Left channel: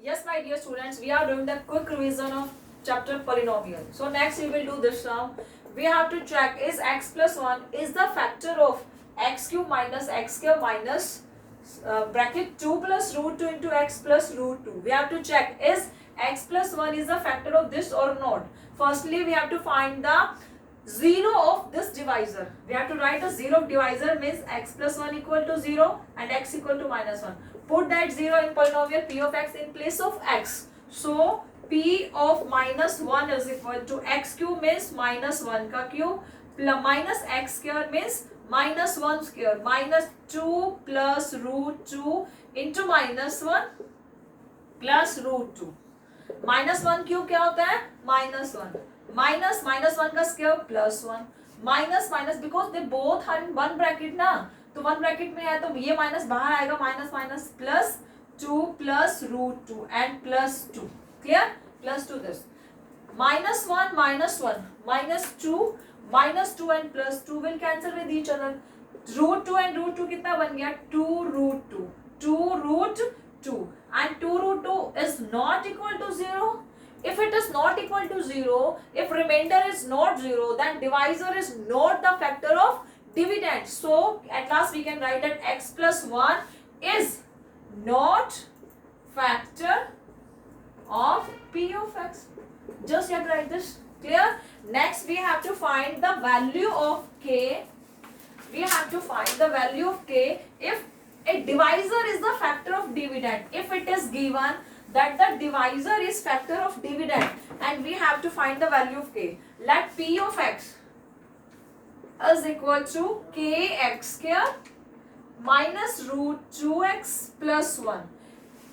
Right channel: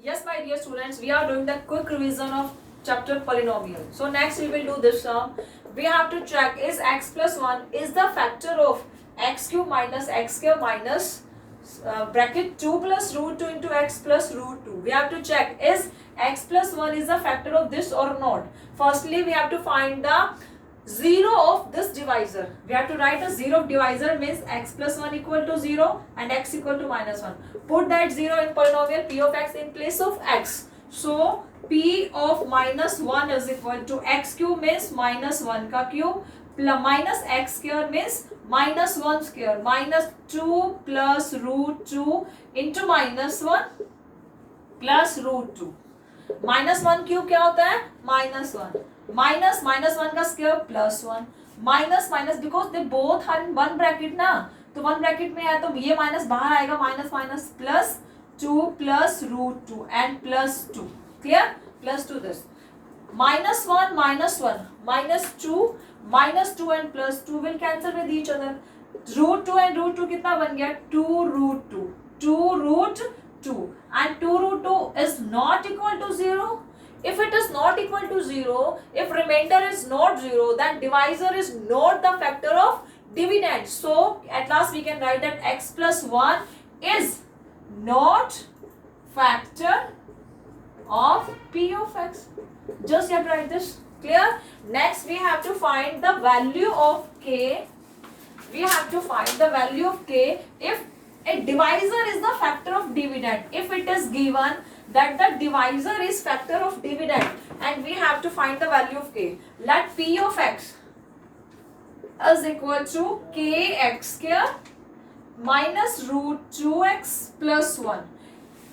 Yes, my dear students, we are doing the quick revision of chapter polynomial. So next we will do this sum. We have to check is x plus 1 is the factor of x cube minus x square minus bracket 2 plus root 2 into x plus root 2. We have to check is x plus 1 is the factor of this or not. Firstly, we have to find the 0 of this divisor. We have to write a 0 of divisor means x plus 1 equal to 0 and x equal to minus 1. Put that 0 in polynomial p of x in place of x. So p of minus 1 is equal to x cube means minus 1 ka cube plus minus x square means minus 1 square minus 2 plus root 2 into minus 1 plus root 2. Minus 1 cube क्या होता है minus 1 minus minus 1 का square plus 1 minus minus because they both are in one bracket ना तो one bracket में है तो ये माइनस बाहर आएगा minus minus plus 2 plus root 2 and plus 2 clear plus 2 this minus 1 minus 2 and plus 2 will cancel with each other. Root 2 and root 2 कितना बन गया 2 root 2 and 2 root 2 is not equal to 0. If it is not equal to 0, if remainder is not 0, then divisor is not the factor of dividend. So at last we can write that x plus 1 is not factor of p of x. Just you have to write this. Clear? Next we have to find the value of k. We have to find the value of k if a divisor is the factor of dividend. If it is given that the divisor is factor of dividend and we have to find the value of k. Let p of x is equal to kx square minus root 2x plus 1.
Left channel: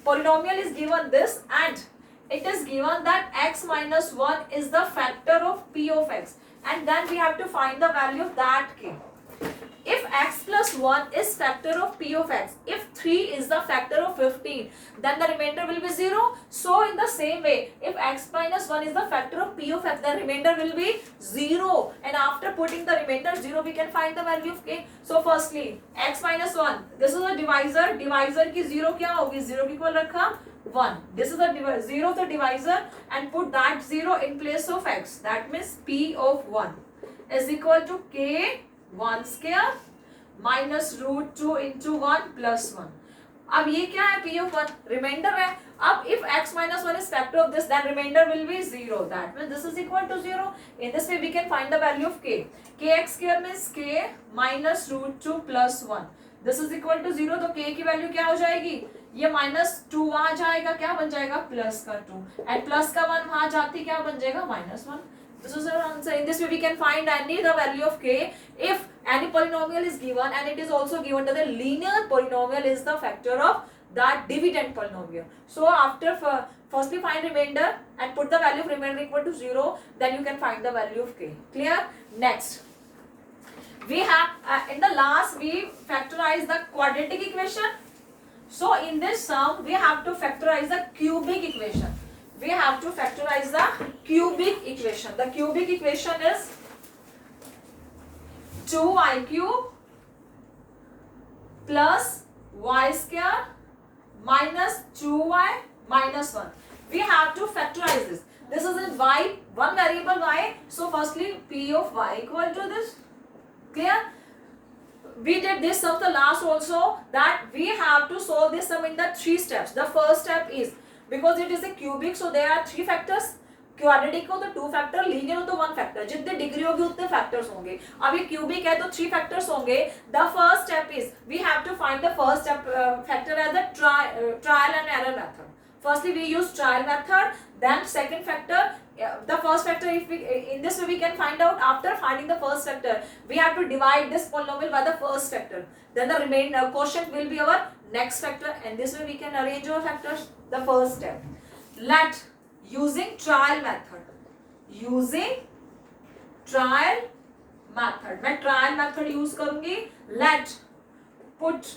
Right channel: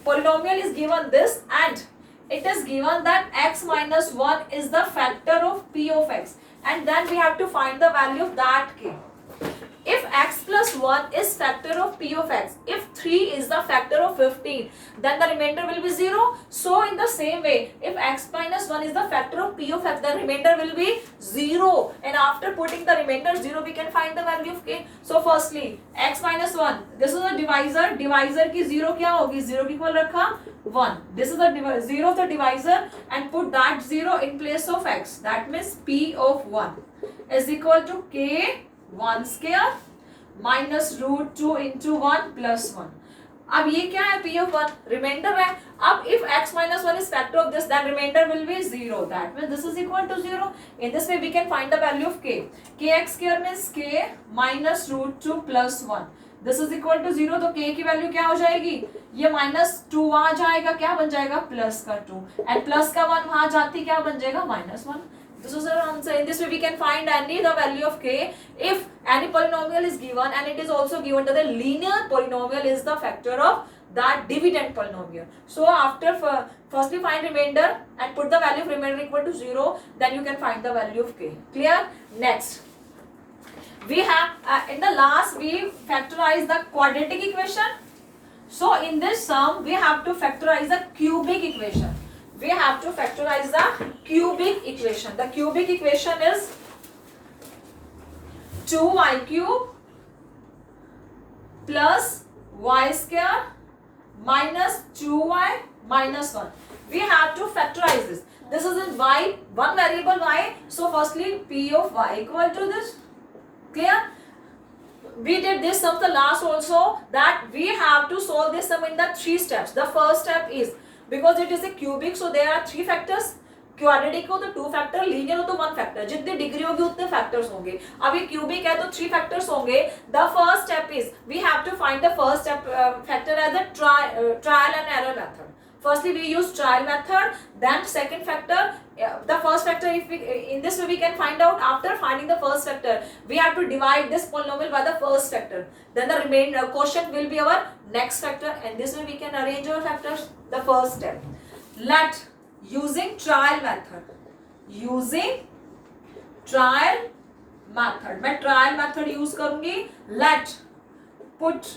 Polynomial is given this and it is given that x minus 1 is the factor of p of x and then we have to find the value of that k. If x plus 1 is factor of p of x, if 3 is the factor of 15, then the remainder will be 0. So in the same way, if x minus 1 is the factor of p of x, the remainder will be 0. And after putting the remainder 0, we can find the value of k. So firstly, x minus 1, this is a divisor. Divisor की 0 क्या होगी 0 की equal रखा 1. This is the 0 of the divisor and put that 0 in place of x. That means p of 1 is equal to k 1 square minus root 2 into 1 plus 1. अब ये क्या है p of 1 reminder है. अब if x minus 1 is factor of this then remainder will be 0. That means this is equal to 0. In this way we can find the value of k. Kx square means k minus root 2 plus 1. This is equal to 0. तो k की value क्या हो जाएगी ये minus 2 वहां जाएगा क्या बन जाएगा प्लस का 2 एंड प्लस का 1 वहां जाती क्या बन जाएगा minus 1. This is our answer. In this way we can find any the value of k if any polynomial is given and it is also given that the linear polynomial is the factor of that dividend polynomial. So after firstly find remainder and put the value of remainder equal to 0, then you can find the value of k. Clear? Next we have in the last we factorize the quadratic equation. So in this sum we have to factorize the cubic equation. We have to factorize the cubic equation. The cubic equation is 2y cube plus y square minus 2y minus 1. We have to factorize this. This is in y, one variable y. So firstly p of y equal to this. Clear? We did this sum the last also that we have to solve this sum in the 3 steps. The first step is because it is a cubic so there are 3 factors. Quadratic हो तो 2 factor linear हो तो 1 factor जितने degree होगी उतने factors होंगे. अब ये क्यूबिक है तो 3 फैक्टर्स होंगे. The first step is we have to find the first step factor as the trial and error method. Firstly we use trial method, then second factor the first factor if we in this way we can find out after finding the first factor we have to divide this polynomial by the first factor, then the remaining quotient will be our next factor and this way we can arrange our factors. The first step, let using trial method मैं trial method use करूंगी. let put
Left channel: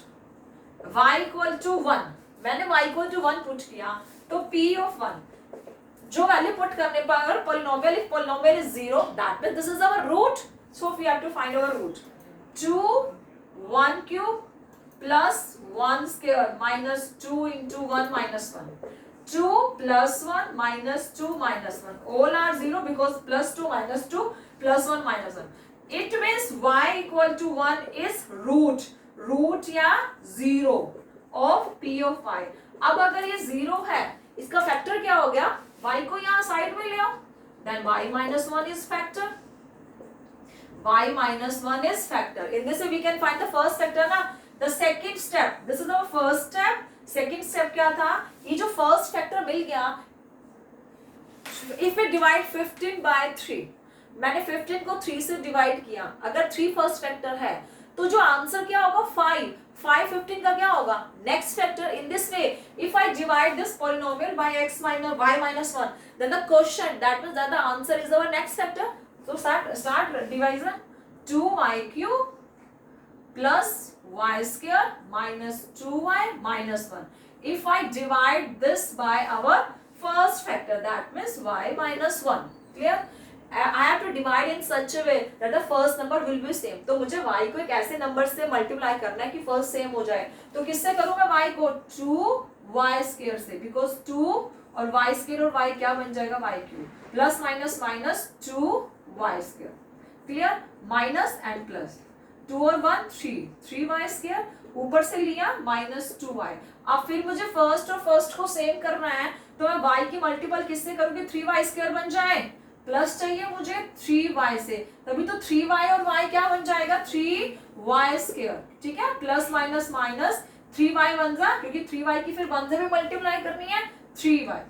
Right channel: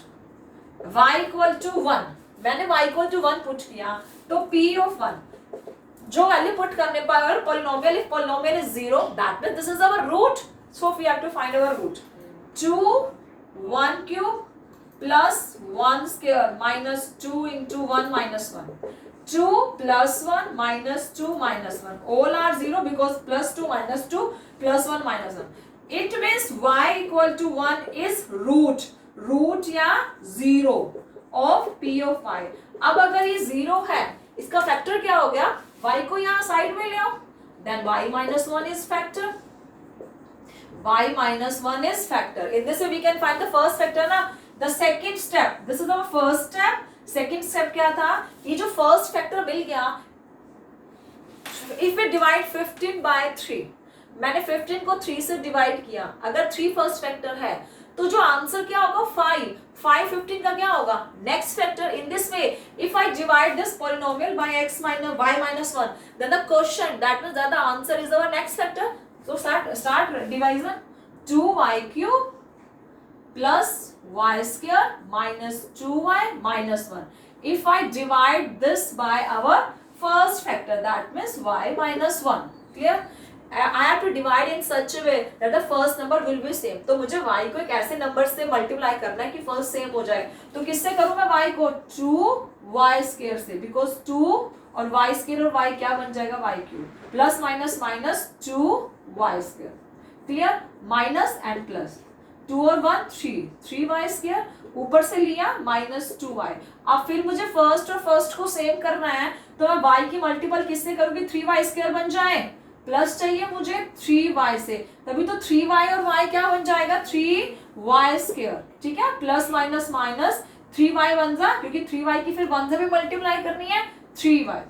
y equal to 1. मैंने y equal to 1 put किया तो p of 1 जो value put करने पर अगर polynomial if polynomial is 0 that means this is our root. So we have to find our root. 2 1 cube plus 1 square minus 2 into 1 minus 1. 2 plus 1 minus 2 minus 1. All are 0 because plus 2 minus 2 plus 1 minus 1. It means y equal to 1 is root या 0 of p of y. अब अगर ये 0 है, इसका factor क्या हो गया? y को यहाँ साइड में ले आओ, then y minus 1 is factor. Y minus 1 is factor. In this way we can find the first factor ना. The second step, this is our first step. Second step क्या था? ये जो first factor मिल गया, if we divide 15 by 3, मैंने 15 को 3 से divide किया, अगर 3 फर्स्ट फैक्टर है तो जो आंसर क्या होगा? 5 15 का क्या होगा? Next factor. In this way if I divide this polynomial bye x minus y minus 1, then the quotient, that means that the answer is our next factor. So start division. 2y cube plus y square minus 2y minus 1. If I divide this by our first factor, that means y minus 1. Clear? I have to divide in such a way that the first number will be same. तो मुझे y को एक ऐसे number से multiply करना है कि first sem हो जाए. तो किससे करूं मैं y को? 2y स्क्वायर से, बिकॉज 2 और y स्क्वायर और y क्या बन जाएगा? y cube. Plus minus minus 2y square. Clear? Minus and plus 2 और 1 3y स्क्वायर, ऊपर से लिया माइनस 2y. अब फिर मुझे फर्स्ट और फर्स्ट को सेम करना है, तो मैं y की मल्टीपल किससे करूंगी? 3y स्क्वायर बन जाए. प्लस चाहिए मुझे 3y से, तभी तो 3y और y क्या बन जाएगा? 3y square. ठीक है? प्लस माइनस माइनस 3y बन जाए, क्योंकि 3y की फिर 1 से भी मल्टीप्लाई करनी है. 3y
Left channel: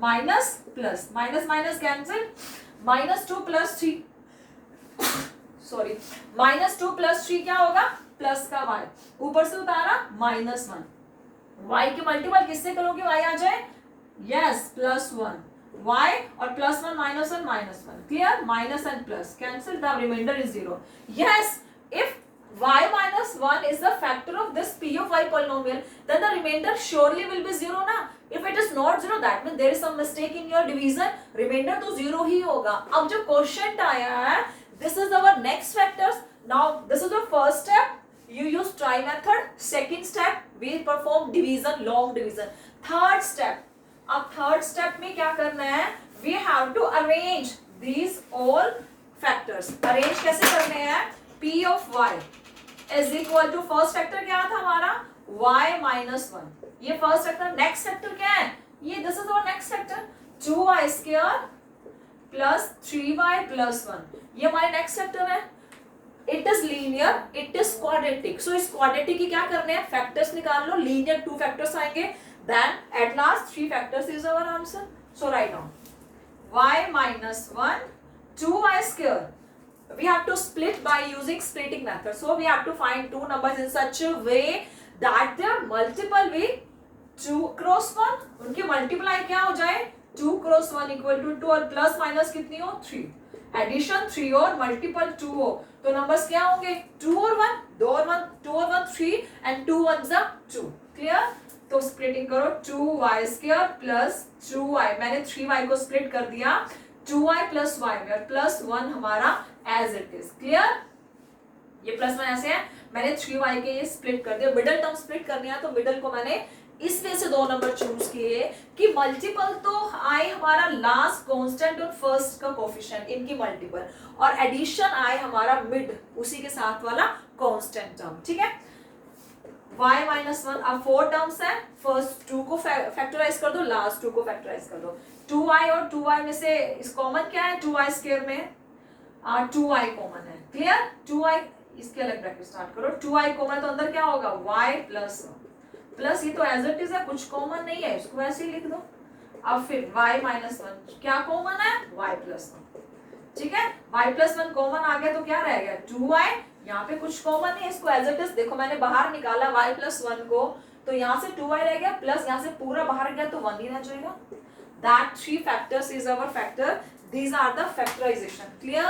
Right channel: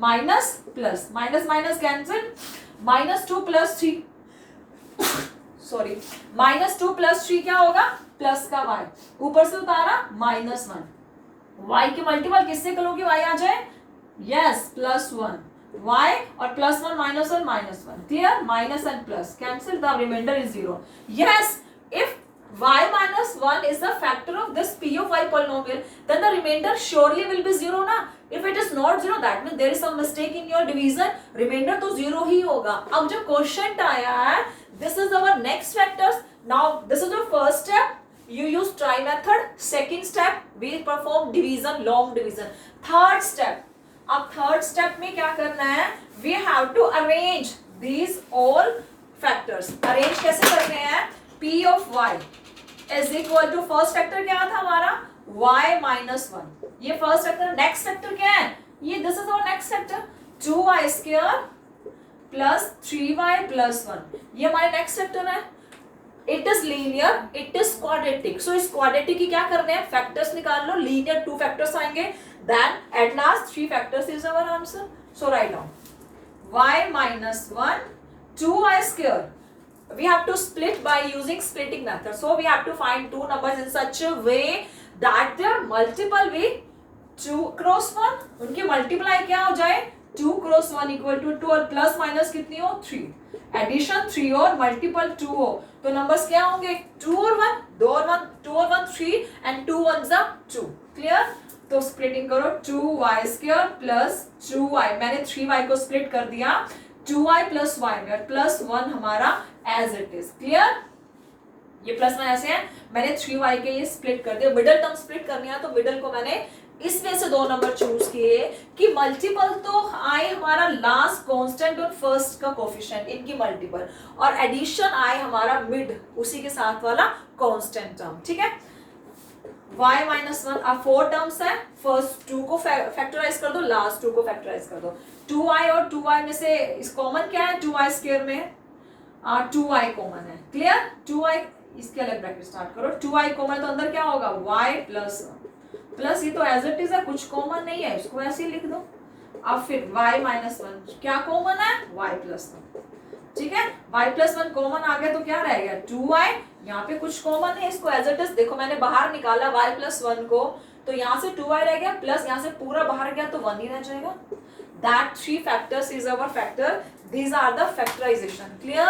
minus plus, minus minus cancel, minus 2 plus 3 sorry minus 2 plus 3 क्या होगा? प्लस का y, ऊपर से उतारा माइनस 1. y की मल्टीपल किससे करोगे? y आ जाए. यस, प्लस 1 y और plus 1 minus 1 minus 1. Clear? Minus and plus cancel, the remainder is 0. Yes, if y minus 1 is the factor of this p of y polynomial, then the remainder surely will be 0 ना. If it is not 0, that means there is some mistake in your division. Remainder तो 0 ही होगा. अब जो quotient आया है, this is our next factors. Now this is the first step. You use try method. Second step, we perform division, long division. Third step, अब third step में क्या करना है? We have to arrange these all factors. Arrange कैसे करने हैं? P of y is equal to first factor क्या था हमारा? y minus 1. ये first factor. Next factor क्या है? ये this is our next factor. 2y square plus 3y plus 1. ये हमारे next factor है. It is linear, it is quadratic. So इस quadratic की क्या करने हैं? Factors निकाल लो. Linear 2 factors आएंगे. Then at last 3 factors is our answer. So write down y minus 1 2y square. We have to split by using splitting method. So we have to find two numbers in such a way that their multiple be 2 cross 1. उनकी multiply क्या हो जाए? 2 cross 1 equal to 2 और plus minus कितनी हो? 3. Addition 3 और multiple 2 हो, तो numbers क्या होंगे? 2 और 1, 2 और 1, 2 और 1 3 and 2 1s are 2. Clear? तो splitting करो 2y square plus 2y. मैंने 3y को split कर दिया 2y plus y में, और plus 1 हमारा as it is. Clear? ये प्लस 1 ऐसे है, मैंने 3y के ये स्प्लिट कर दिया. मिडल टर्म स्प्लिट करनी है तो मिडल को मैंने इसमें से 2 नंबर चूज किए कि मल्टीपल तो आए हमारा लास्ट कांस्टेंट और फर्स्ट का कोफिशिएंट, इनकी मल्टीपल, और एडिशन आए हमारा मिड उसी के साथ वाला कांस्टेंट टर्म. ठीक है? y minus 1. अब 4 टर्म्स है. फर्स्ट 2 को फैक्टराइज कर दो, लास्ट 2 को फैक्टराइज कर दो. 2y और 2y में से इस कॉमन क्या है? 2y स्क्वायर में 2y कॉमन है. क्लियर? 2y इसके अलग ब्रैकेट स्टार्ट करो. 2y कॉमन तो अंदर क्या होगा? y प्लस 1 प्लस, ये तो एज इट इज है, कुछ कॉमन नहीं है, इसको ऐसे ही लिख दो. अब फिर y माइनस 1 क्या कॉमन है? y plus 1. ठीक है? y प्लस 1 कॉमन आ गया तो क्या रह गया? 2y. यहाँ पे कुछ कॉमन है, इसको एज इट इज देखो, मैंने बाहर निकाला y प्लस 1 को, तो यहाँ से 2y रह गया, प्लस यहाँ से पूरा बाहर गया तो 1 ही रह जाएगा. That 3 factors is our factor. These are the factorization. Clear?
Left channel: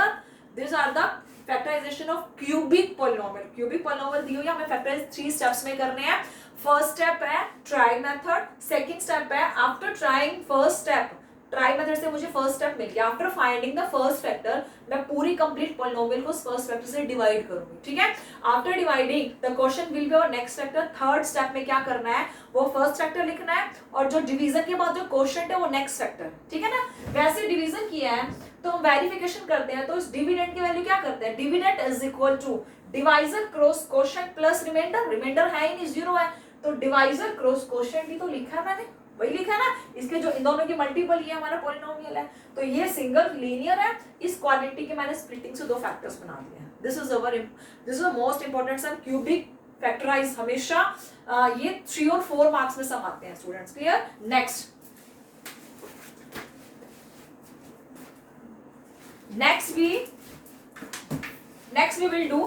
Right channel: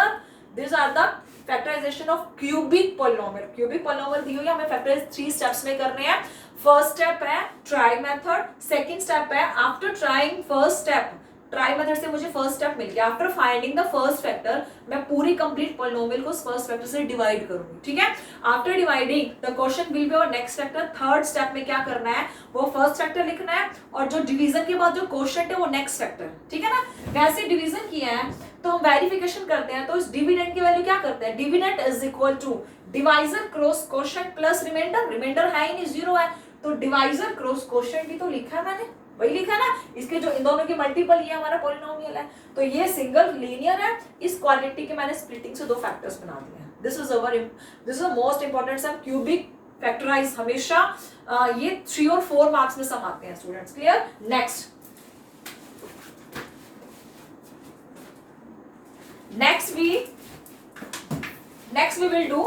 These are the factorization of cubic polynomial. Cubic polynomial दी हुई है, हमें factorize 3 steps में करने हैं. First step है try method. Second step है after trying first step try method से मुझे फर्स्ट स्टेप मिल गया। After finding the first factor मैं पूरी कंप्लीट पॉलिनोमियल को फर्स्ट फैक्टर से डिवाइड करूंगी, ठीक है। After dividing the question will be और नेक्स्ट फैक्टर। थर्ड स्टेप में क्या करना है, वो फर्स्ट फैक्टर लिखना है और जो डिवीजन के बाद जो क्वेश्चन है वो नेक्स्ट फैक्टर, ठीक है ना। वैसे डिवीजन किया है तो हम वेरिफिकेशन करते हैं, तो इस डिविडेंड की वैल्यू क्या करते हैं, dividend is equal to divisor cross quotient plus remainder. Remainder है ही नहीं, जीरो है, तो डिवाइजर क्रॉस क्वोशिएंट ही तो लिखा है मैंने, वही लिखा है ना। इसके जो इन दोनों के मल्टीपल ये हमारा पॉलिनोमियल है, तो ये सिंगल लीनियर है। इस क्वालिटी के मैंने स्प्लिटिंग से दो फैक्टर्स बना दिए हैं। This is most important sum. Cubic factorise हमेशा ये 3 और 4 मार्क्स में सम आते हैं students, clear. Next we will do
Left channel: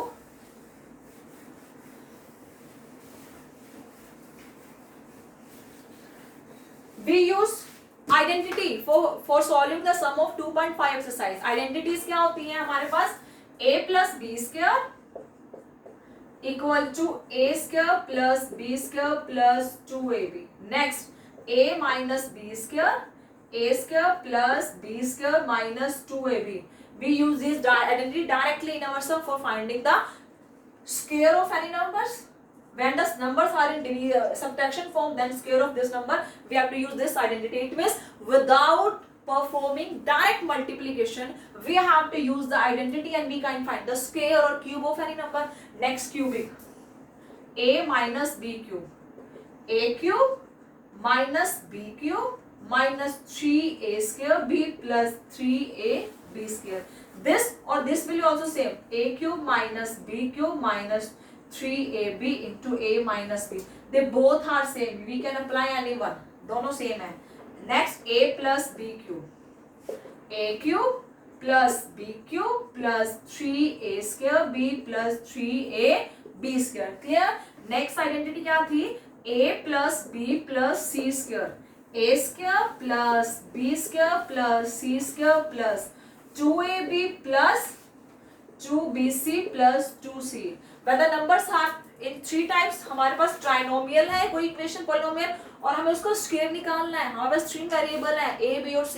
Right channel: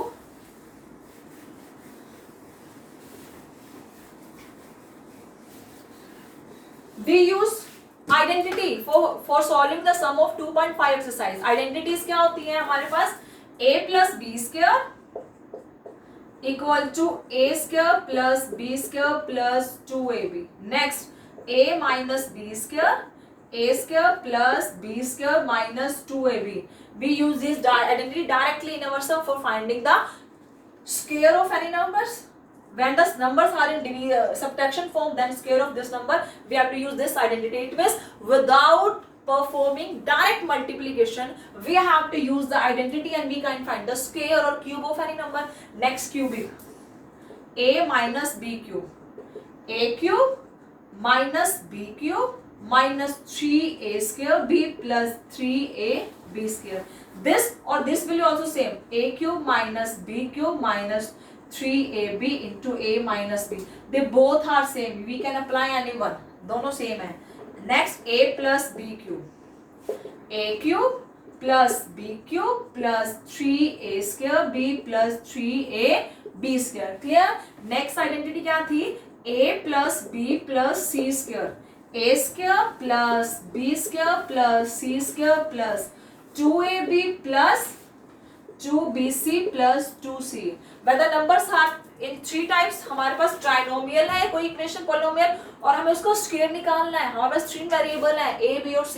we use identity for solving the sum of 2.5 exercise। Identities क्या होती हैं हमारे पास, a plus b square equal to a square plus b square plus 2ab। next a minus b square plus b square minus 2ab। we use this identity directly in our sum for finding the square of any numbers। when the numbers are in subtraction form, then square of this number, we have to use this identity। it means without performing direct multiplication, we have to use the identity and we can find the square or cube of any number। next cubic, a minus b cube, a cube minus b cube minus 3a square b plus 3ab square। this or this will also same, a cube minus b cube minus 3ab into a minus b। they both are same, we can apply any one, दोनों same है। next a plus b cube, a cube plus b cube plus 3a square b plus 3ab square, clear। next identity क्या थी, a plus b plus c square, a square plus b square plus c square plus 2ab plus 2bc plus 2c। where the numbers are in 3 types, हमारे पास trinomial है कोई equation polynomial, और हमें उसका square निकालना है। हमारे पास 3 वेरिएबल है a b और c,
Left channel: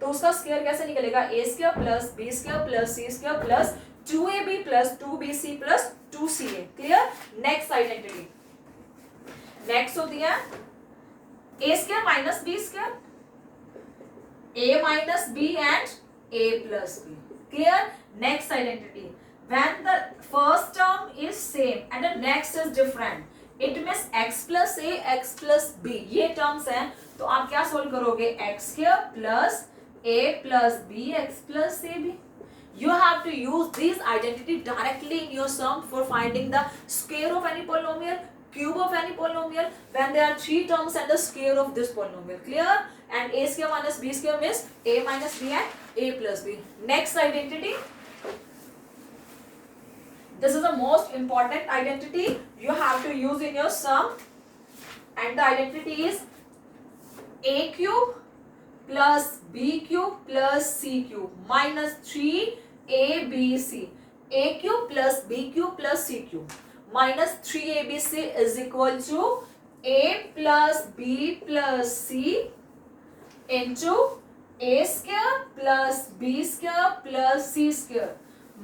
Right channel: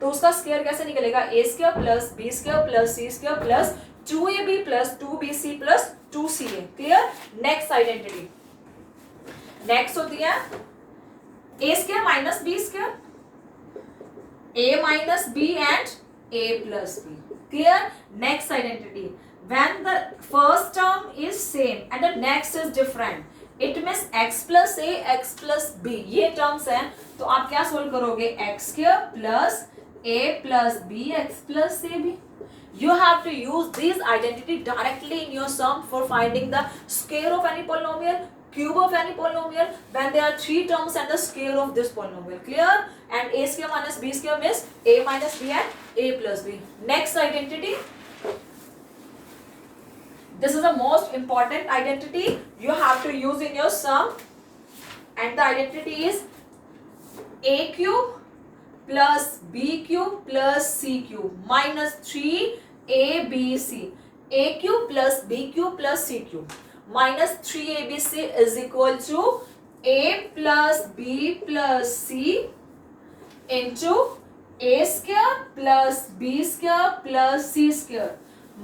तो उसका स्क्वायर कैसे निकलेगा, a square plus b square plus c square plus 2ab plus 2bc plus 2ca, clear. Next identity next होती है a square minus b square, a minus b and a plus b, clear। next identity, when the first term is same and the next is different, it means x plus a x plus b, ये terms हैं, तो आप क्या solve करोगे, x square plus a plus b x plus ab। you have to use this identity directly in your sum for finding the square of any polynomial, cube of any polynomial when there are 3 terms and the square of this polynomial, clear। and a square minus b square means a minus b and a plus b। next identity, this is the most important identity you have to use in your sum, and the identity is a cube plus b cube plus c cube minus 3abc। a cube plus b cube plus c cube minus 3abc is equal to a plus b plus c into a square plus b square plus c square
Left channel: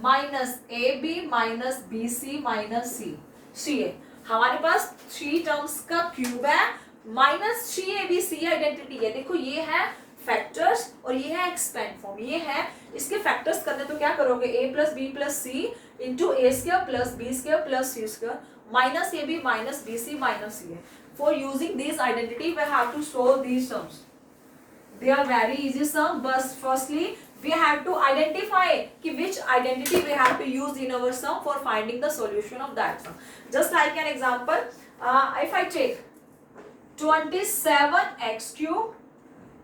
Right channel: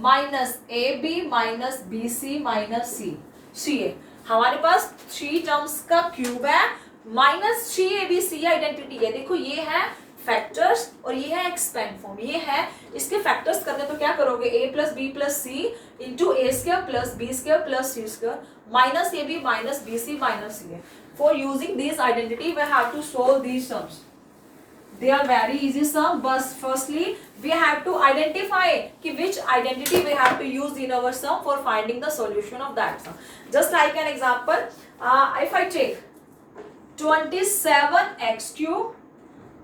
minus A B minus B C minus C A. हमारे पास 3 terms का cube है, minus 3abc identity है। देखो ये है factors और ये है एक्सपेंड फॉर्म, ये है इसके फैक्टर्स करने, तो क्या करोगे, a plus B plus C into A square plus B square plus C square minus A B minus B C minus C A. For using this identity we have to solve these sums. they are very easy sum, but firstly we have to identify ki which identity we have to use in our sum for finding the solution of that sum। just like an example, if I take 27x cube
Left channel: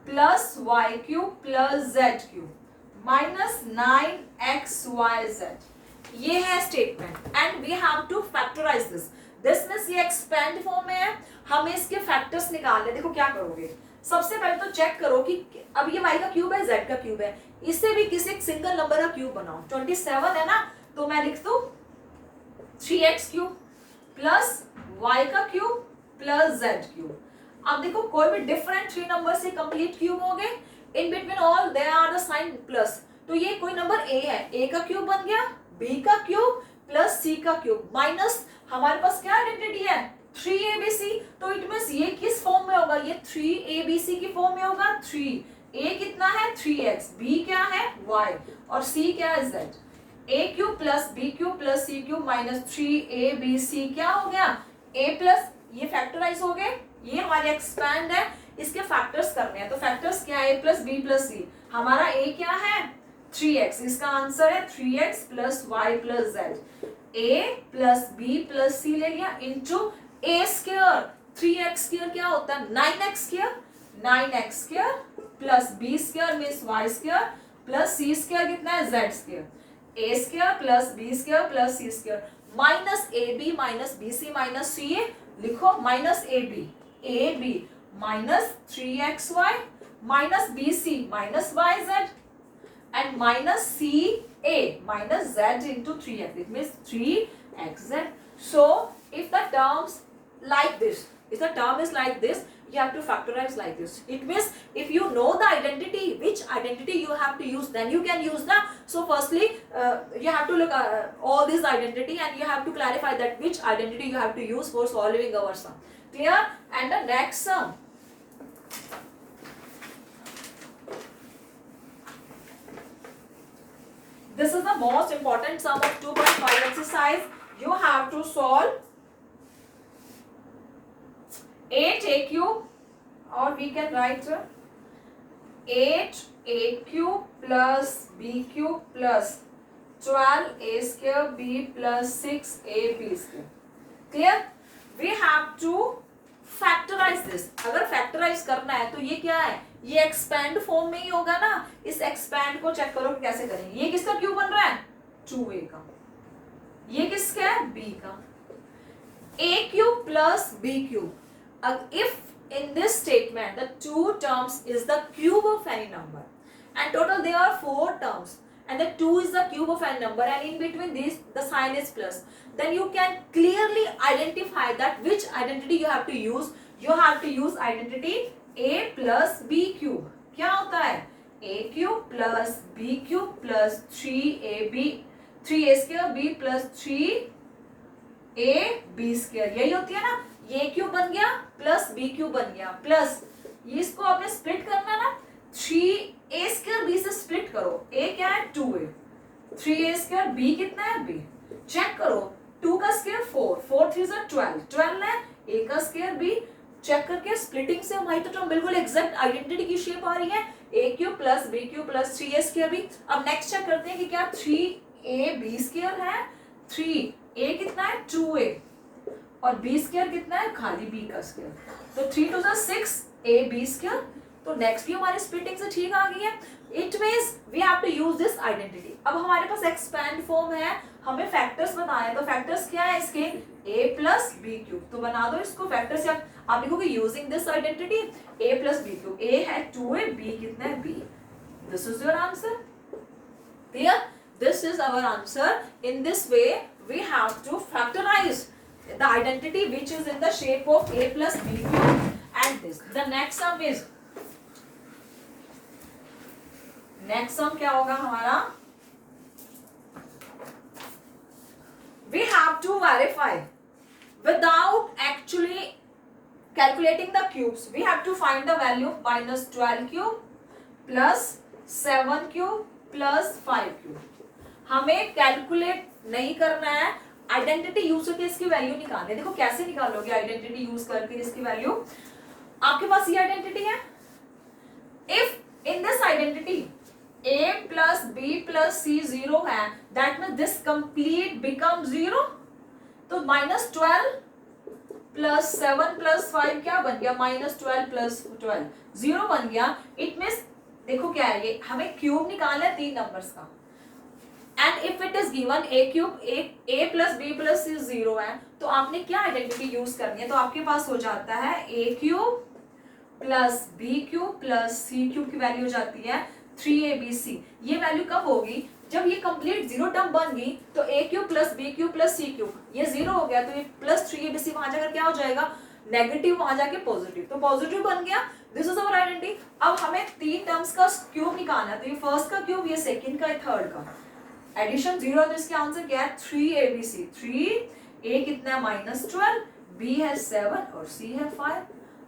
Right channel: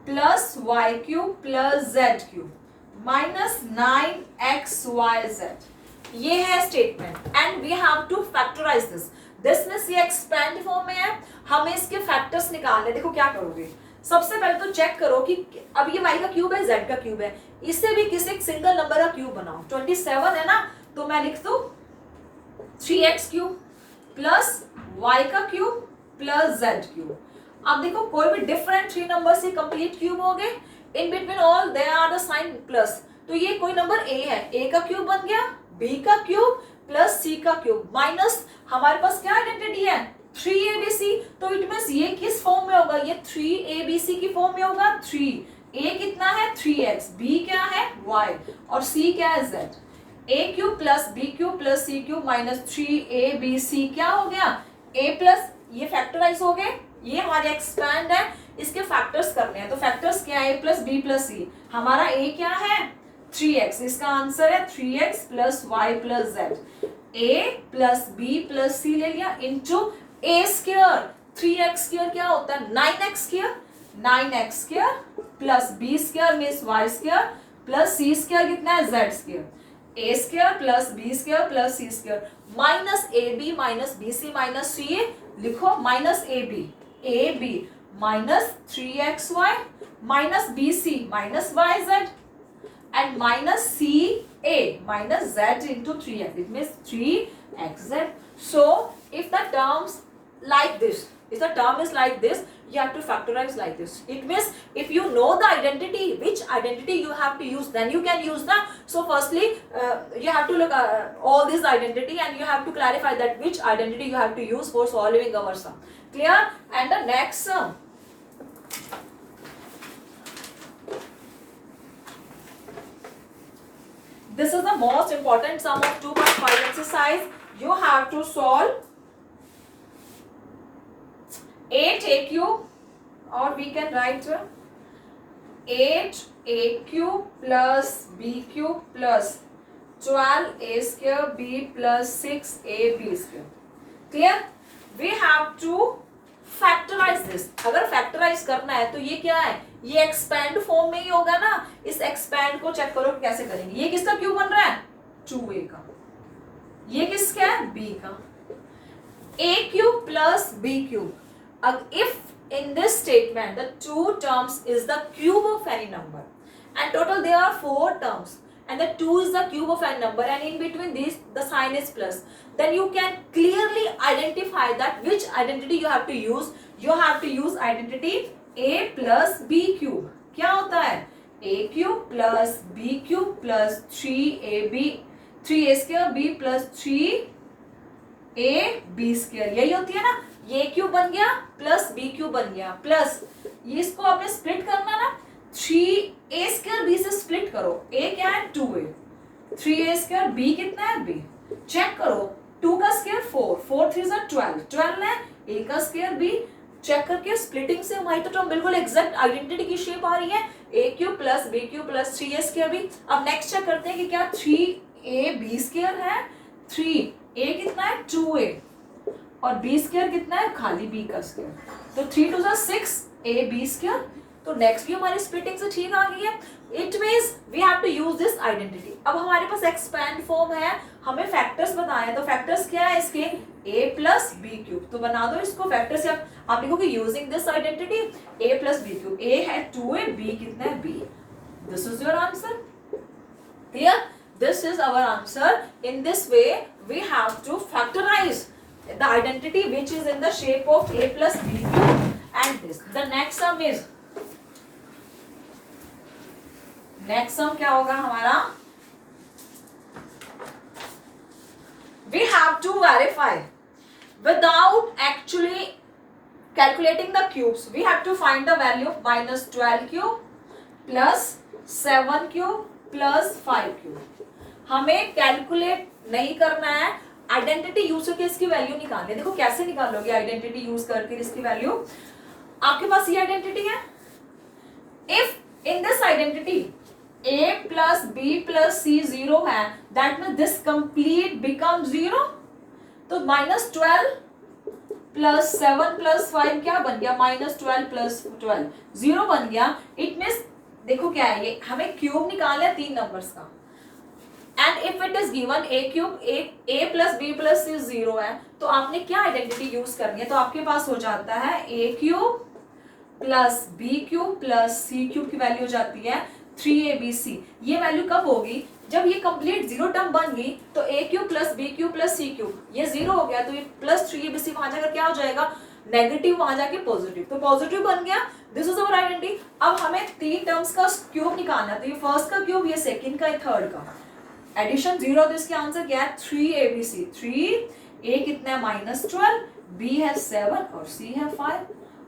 plus y cube plus z cube minus 9xyz, ये है statement and we have to factorise this means ये expand form में है, हमें इसके factors निकालने। देखो क्या करोगे, सबसे पहले तो चेक करो कि अब ये y का क्यूब है, z का क्यूब है, इससे भी किसी एक सिंगल नंबर का क्यूब बनाओ। 27 है ना, तो मैं लिख दूं 3x क्यूब प्लस y का क्यूब प्लस z क्यूब। अब देखो कोई भी डिफरेंट 3 नंबर से कंप्लीट क्यूब हो गए, in between all they are the sign plus, तो ये कोई नंबर ए है, ए का क्यूब बन गया, बी का क्यूब प्लस सी का क्यूब माइनस हमारे पास क्या आइडेंटिटी है 3abc, तो इट मींस ये किस फॉर्म में होगा, ये 3abc की फॉर्म में होगा। 3 a कितना है 3x, b क्या है y और c क्या है z। a cube plus b cube plus c cube minus 3abc क्या हो गया a प्लस, ये फैक्टराइज हो गए, ये हमारे एक्सपैंड है, इसके फैक्टर्स करने हैं, तो फैक्टर्स क्या है a plus b plus c, हमारा a क्या है 3x, इसका आंसर है 3x plus y plus z। a plus b plus c ले लिया into a square, 3x square क्या होता है 9x square, 9x square plus b square means y square plus c square कितना है z square, a square plus b square plus c square minus ab minus bc minus ca, लिखो minus ab minus 3xy minus bc minus yz and minus ca minus z into 3x, it means 3xz. So if the terms like this, if the term is like this, you have to factorize like this. It means if you know the identity, which identity you have to use, then you can use the, so firstly you have to look all this identity and you have to clarify that which identity you have to use for solving our sum. Clear? And the next sum, this is the most important sum of 2.5 exercise. You have to solve 8a cube, or we can write 8a cube plus b cube plus 12a square b plus 6ab square. Clear? We have to factorize this. अगर factorize करना है तो ये क्या है, ये expand form में ही होगा ना, इस एक्सपैंड को चेक करो कैसे करेंगे। ये किसका क्यूब बन रहा है 2a का, ये किसका है b का, a cube plus b cube. if in this statement the two terms is the cube of any number and total there are 4 terms and the 2 is the cube of any number and in between these the sign is plus, then you can clearly identify that which identity you have to use. You have to use identity a plus b cube. क्या होता है a cube plus b cube plus 3a square b plus 3ab square, यही होती है ना। ये cube बन गया प्लस बी क्यूब बन गया प्लस ये, इसको आपने स्प्लिट करना ना, 3a स्क्वायर b से स्प्लिट करो, a क्या है 2a, 3a स्क्वायर b कितना है b, चेक करो 2 का स्क्वायर 4, 4 3 12, 12 है, a का स्क्वायर b, चेक करके स्प्लिटिंग से हमारी तो बिल्कुल एग्जैक्ट आइडेंटिटी की शेप आ रही है, a cube plus b cube plus 3a square b। अब नेक्स्ट चेक करते हैं कि क्या 3ab स्क्वायर है, 3a कितना है 2a और b स्क्वायर कितना है खाली b का स्क्वायर, तो 3 2 6 ab स्क्वायर। तो नेक्स्ट भी हमारी स्प्लिटिंग से ठीक आ गई है। It means we have to use this identity. अब हमारे पास एक्सपैंड फॉर्म है, हमें फैक्टर्स बताए हैं, तो फैक्टर्स क्या है इसके a प्लस बी क्यूब, तो बना दो इसको फैक्टर से। आप लिखोगे using this identity a plus B cube, a है 2a, b कितना है b, this is your answer. Clear? This is our answer. In this way we have to factorise the identity which is in the shape of a plus b cube and this. The next sum is, next sum क्या होगा हमारा, we have to verify without actually calculating the cubes. We have to find the value of minus 12 cube plus 7 cube plus 5 cube. हमें calculate नहीं करना है, identity use करके इसकी value निकालनी है। देखो कैसे निकालोगे आइडेंटिटी यूज करके इसकी वैल्यू। आपके पास ये आइडेंटिटी है, if in this identity a plus b plus c 0 है, that means this complete become 0। तो माइनस 12 प्लस 7 प्लस 5 क्या बन गया, माइनस 12 प्लस 12 0 बन गया। इट मीन्स देखो क्या है, ये हमें क्यूब निकालना है 3 नंबर्स का, and if it is given a cube, a plus b plus c 0 है, तो आपने क्या आइडेंटिटी यूज करनी है, तो आपके पास हो जाता है a cube plus b cube plus c cube की वैल्यू हो जाती है 3abc। ये वैल्यू कब होगी, जब ये कंप्लीट 0 टर्म बन गई, तो a cube plus b cube plus c cube ये 0 हो गया, तो ये प्लस 3abc वहां जाकर क्या हो जाएगा नेगेटिव, वहां जाके पॉजिटिव, तो पॉजिटिव बन गया। This is our identity. अब हमें तीन टर्म्स का क्यूब निकालना है, तो ये फर्स्ट का क्यूब, ये सेकंड का, ये थर्ड का। एडिशन 0 तो इसके आंसर क्या है 3abc। 3a कितना है -12, b है 7 और c है 5।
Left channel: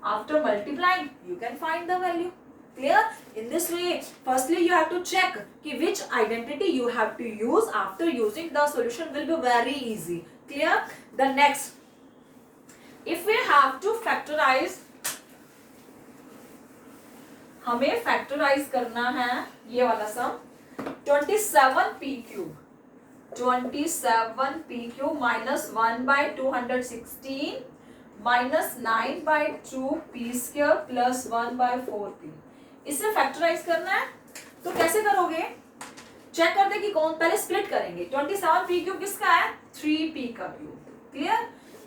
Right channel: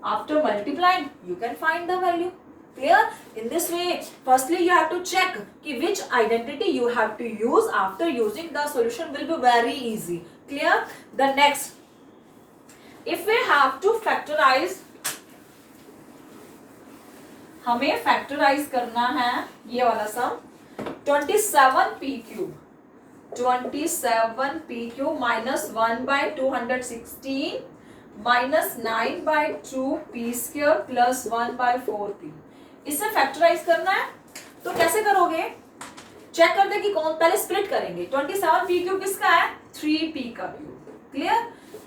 After multiplying you can find the value. Clear? In this way, firstly you have to check कि which identity you have to use. After using, the solution will be very easy. Clear? The next, if we have to factorize, हमें factorize करना है ये वाला सम 27p cube, 27p cube minus 1/216 minus 9/2p square plus 1/4p, इसे factorise करना है। तो कैसे करोगे, चेक कर दे कि कौन, पहले स्प्लिट करेंगे। 27p क्यूब किसका है 3p का क्यूब। क्लियर?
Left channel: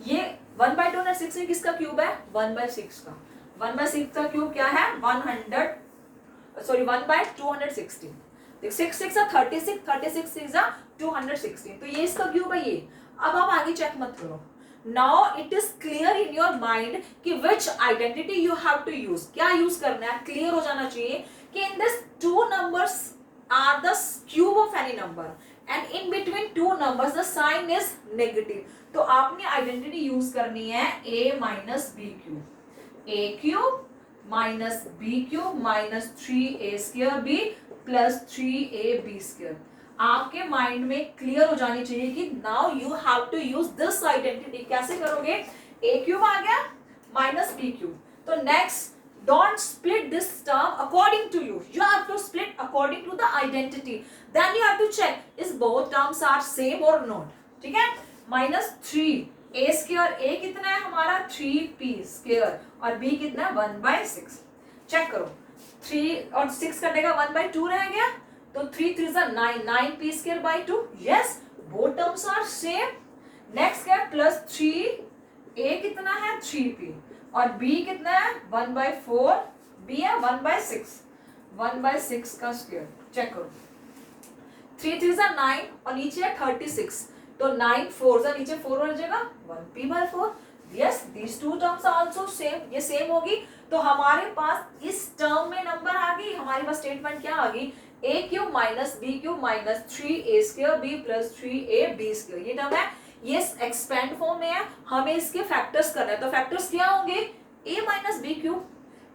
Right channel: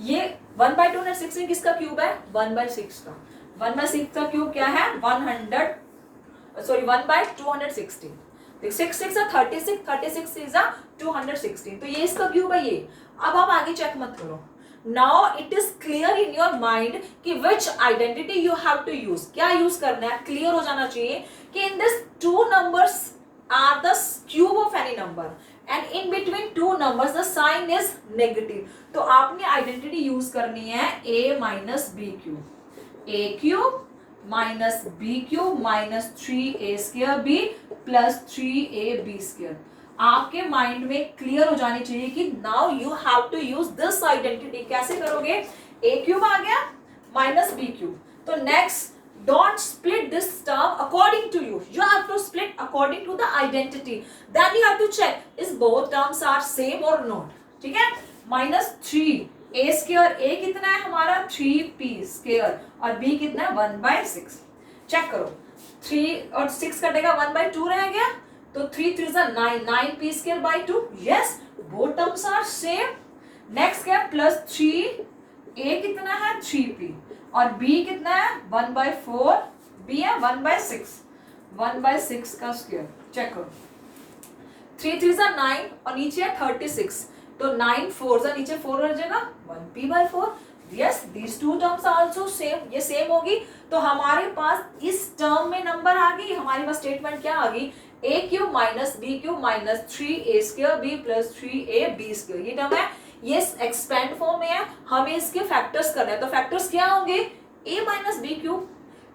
ये 1/216 किसका क्यूब है 1/6 का। 1/6 का क्यूब क्या है 1/216। 6 6 36, 36 इज 216, तो ये इसका क्यूब है ये। अब आप आगे चेक मत करो। Now it is clear in your mind कि which identity you have to use, क्या यूज करना है, क्लियर हो जाना चाहिए कि in this two numbers are the cube of any number and in between two numbers the sign is negative। तो आपने आइडेंटिटी यूज करनी है a minus b cube, a cube minus b cube minus 3a square b plus 3ab square। आपके mind में clear हो जानी चाहिए कि now you have to use this identity. कैसे करोगे, ए क्यूब आ गया माइनस बी क्यूब, तो next don't split this term according to you have to split according to the identity. Then you have to check is both terms are same और not. ठीक है, -3 ए square, ए कितना है हमारा 3p square और b कितना है 1/6। चेक करो 3 और 6 कटेगा 1/2 रह गया, तो 3 3 is 9, 9p square by 2। yes, both terms are same। next क्या प्लस 3, a कितना है 3p और b कितना है 1/4, b है 1/6, 1/6 का स्क्वायर। चेक करो 3 3 is 9 और नीचे है 36, तो 9 4 नीचे 4 रह जाएगा 1p/4। yes, these two terms are also same, ये सेम होगी। तो हमारे पास इस टर्म में नंबर आ गई, हमारे पास स्टेटमेंट क्या आ गई a cube minus B cube minus 3a square b plus 3ab square. ये टर्म है, ये एक्सपेंड फॉर्म में है, हमें इसके फैक्टर्स करना है। तो फैक्टर्स क्या होंगे a minus B cube.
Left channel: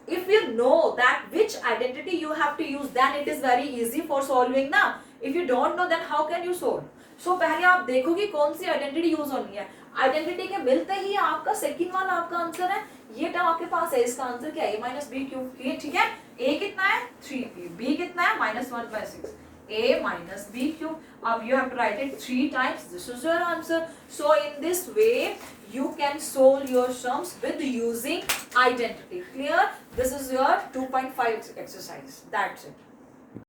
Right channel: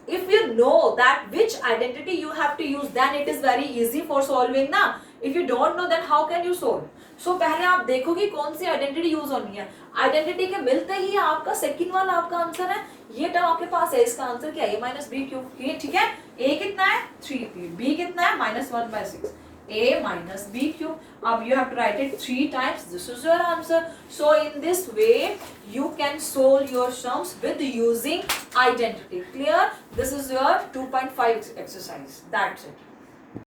if you know that which identity you have to use then it is very easy for solving ना। if you don't know then how can you solve। so पहले आप देखो कि कौन सी identity use होनी है। Identity के मिलते ही आपका सेकंड वाला आपका आंसर है, ये टर्म आपके पास है, इसका आंसर क्या है a माइनस बी क्यूब। ठीक है, a कितना है 3p, b कितना है -1/6, a minus b cube। अब you have to write it 3 times, this is your answer। so in this way you can solve your sums with using identity। clear? this is your 2.5 exercise, that's it।